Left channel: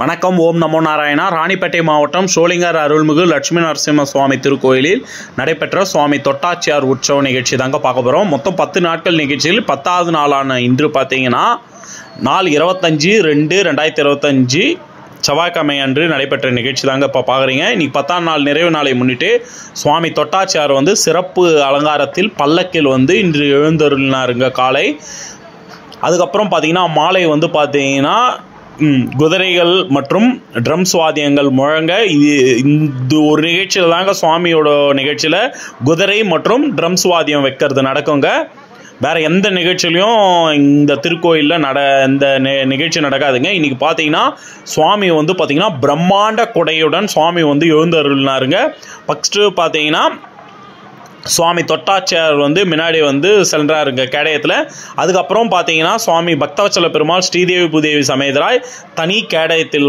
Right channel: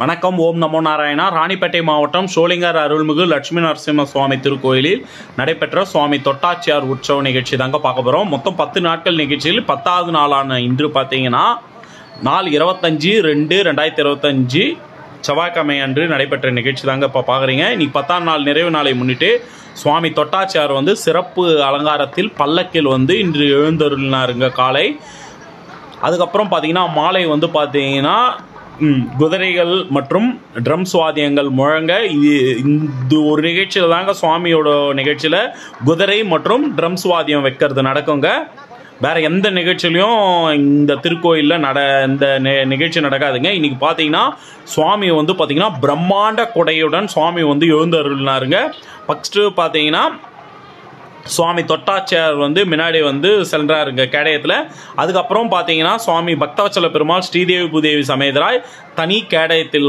வணக்கம். ஓம் நமோ நாராயணா. ராணிப்பேட்டை மாவட்டம் சோளிங்கர் அருள்மிகு லட்சுமி நரசிம்ம சுவாமி திருக்கோயிலில் நடைபெற்ற சுவாமி தொட்டாச்சியார் உற்சவ நிகழ்ச்சி தாங்க பார்க்க போகிறோம். மொத்தம் 10 நாட்கள் நிகழ்ச்சியில் 10வது நாளான இன்று பார்த்தீங்கன்னா நாள் 25/2/2025 செவ்வாய்க்கிழமை அன்று நடைபெற்ற நிகழ்ச்சி தாங்க இப்போ பார்க்குறீங்க. இன்றைக்கி 10ஆம் நாள் நிறைவு நாளை முன்னிட்டு சுவாமி தொட்டாச்சியார் சிறப்பு அலங்காரத்தில் பல்லக்கில் இன்று எழுந்தருளினாருங்க காலை. அதுக்கப்புறம் பார்த்தீங்கன்னா மாலை பார்த்தீங்கன்னா குதிரைகள் மற்றும் ட்ரம்ஸ் வாத்தியங்கள் முழங்க இந்த ஒரு நிகழ்ச்சியில் தாங்க சுவாமியோட நிகழ்ச்சியில் குதிரை மற்றும் ட்ரம்ஸ் வாத்தியம் வைக்கிறது நடக்குங்க. வேறு எந்த நிகழ்ச்சியிலையும் இந்த திருக்கோயிலில் இந்த நிகழ்ச்சி நடக்காதுங்க. இன்றைக்கி பார்த்தீங்கன்னா சுவாமி பார்த்தீங்கன்னா பிரம்மாண்ட கொடையுடன் சுவாமி எழுந்தருளினாருங்க. ஃபஸ்ட்டு பார்த்தீங்கன்னா சுவாமி தொட்டாச்சியார் முன்னாடி செல்றாருங்க கேடயத்தில். அதுக்கப்புறம் பார்த்தீங்கன்னா சுவாமி பக்தவச்சல பெருமாள் ஸ்ரீதேவி பூதேவி சமேதராய் தனி கேடயத்தில்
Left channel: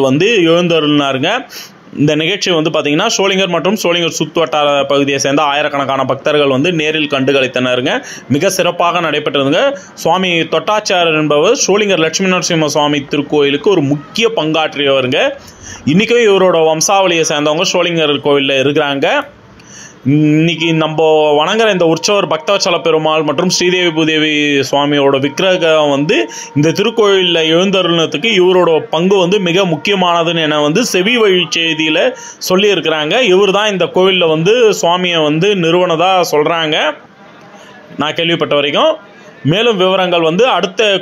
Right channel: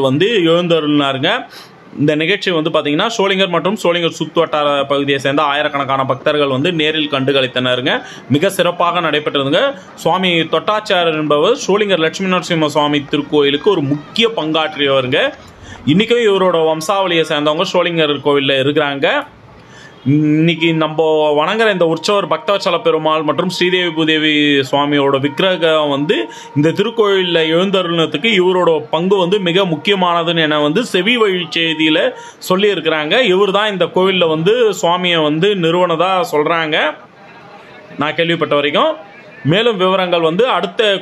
எழுந்தருளினாருங்க. இந்த நிகழ்ச்சி பார்த்தீங்கன்னா சோளிங்கர் மற்றும் சோளிங்கர் சுற்றுவட்டார பகுதியை சேர்ந்த ஆயிரக்கணக்கான பக்தர்கள் நேரில் கண்டுகளித்தனருங்க. மிக சிறப்பாக நடைபெற்றதுங்க. சுவாமி தொட்டாச்சியார் என்பவர் சோளிங்கர் லட்சுமி நரசிம்ம சுவாமி திருக்கோயிலுக்கு ஒரு முக்கிய பங்காற்றியவருங்க. இன்றைக்கும் இவரோட வம்சாவளியை சேர்ந்தவங்க சோளிங்கர் கோவிலில் இருக்கிறாங்க. இன்னைக்கு நம்ம வணங்குற இந்த உற்சவர் பக்தவச்சல பெருமாள் மற்றும் ஸ்ரீதேவி பூதேவி சுவாமியோட விக்கிரகம் இந்த திருக்கோயிலில் எழுந்தருளத்துக்கு இவரோட பங்கு மிக முக்கியமானதுன்னு என செவி வழி செய்தியில் சொல்லியிருக்கிறாங்க. இவர் தான் இந்த கோவிலில் சுவாமியை நிறுவனதாக சொல்கிறாங்க நான் கேள்விப்பட்ட வரைக்கும். மேலும் விவரங்கள்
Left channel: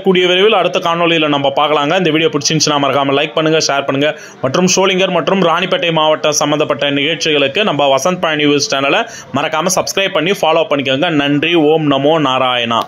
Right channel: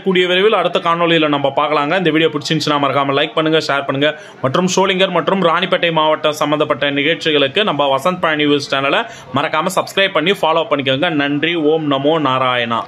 கூடிய விரைவில் அடுத்த காணொலியில் நம்ம பார்க்கலாங்க. இந்த வீடியோ பிடிச்சிருந்துச்சுன்னா மறக்காமல் லைக் பண்ணுங்கள், ஷேர் பண்ணுங்கள். மற்றும் சோளிங்கர் மற்றும் ராணிப்பேட்டை மாவட்டம் சம்மந்தப்பட்ட நிகழ்ச்சிகளுக்கு நம்ம வசந்த் பழனி நியூஸ் சேனலை மறக்காமல் சப்ஸ்கிரைப் பண்ணி ஃபாலோ பண்ணிக்கோங்க. நன்றி. ஓம் நமோ நாராயணா.